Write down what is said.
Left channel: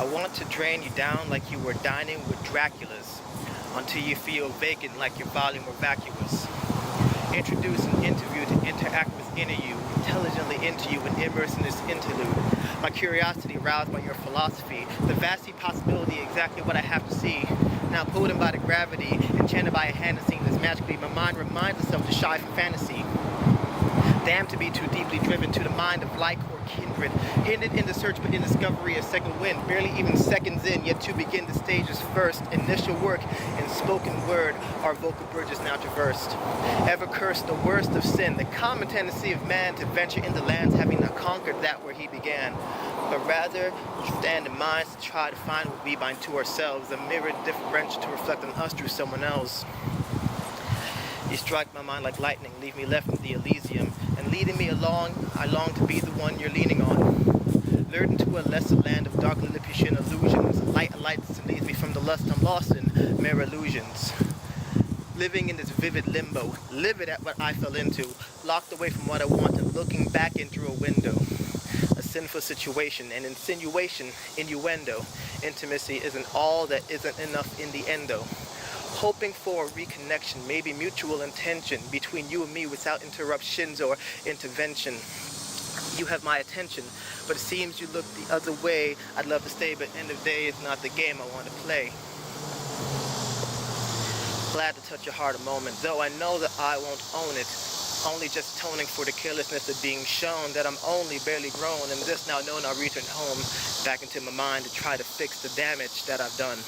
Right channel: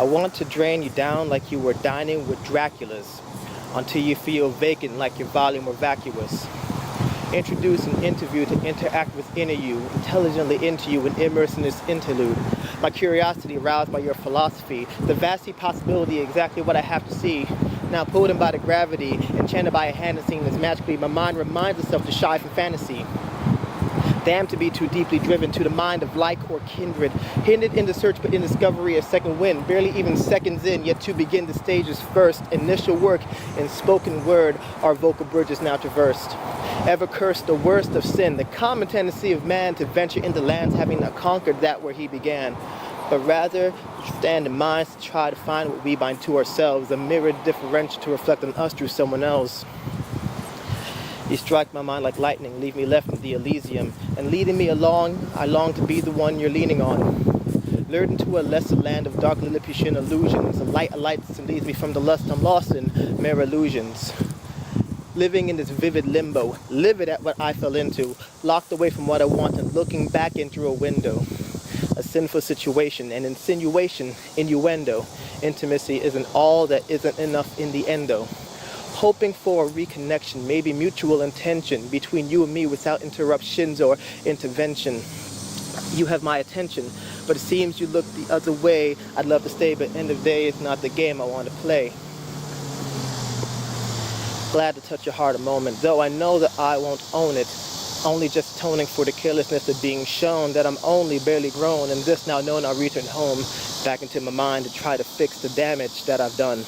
I want to drain you down like you were dining with Draculas, until you feel vacant like your volume were vacuous. Introduce an interview to interact with inner you, intelligently into you and immerse in this interlude. My curiosity aroused by your philosophy, the vasty possibility, exactly what I have to see. Now pulled in by the gravity, enchanted by a hand and seeing this magically, my mind reminds itself to shy from fantasy. Damned to be too deeply driven to the mind of like or kindred, hindered in the search but in discovery of second wind, barely even seconds in, yet to begin the stage's first initial work in spoken word, our vocal bridges now traversed. Ever cursed the worst of sin, the common tendency of man to venture into lands having not conquered that where he began, but rather stand in minds to try to find what we bind to ourselves, a mirrored differential to reflect on us through someone else. You strike my mind like lightning, leave me left with the Elysium, and leading me along, I long to be the one you're leaning on. Lured into a lesser land of dark Lilliputian illusions, a light alights and leads me from the lust I'm lost in, mere illusions. Living in this vivid limbo, livid at what I fell into, locked away from what I wanted, looking back in through a window. A sinful situation, an insinuation, innuendo. Intimacy isn't all that isn't enough in the endo. Hoping for a reconnection, maybe mutual intention between you and me without interruptions or intervention. You have my attention, but it seems you look the other way. I'd love to stay, but end of the day, it's not the game I want to play. Glad to touch your heart a moment, though I know that I won't own it. Only just atoning for the carelessness of being shown that I'm only barely grown, and this now known I'll return home, back into my mind to try to fix the damage that I've done.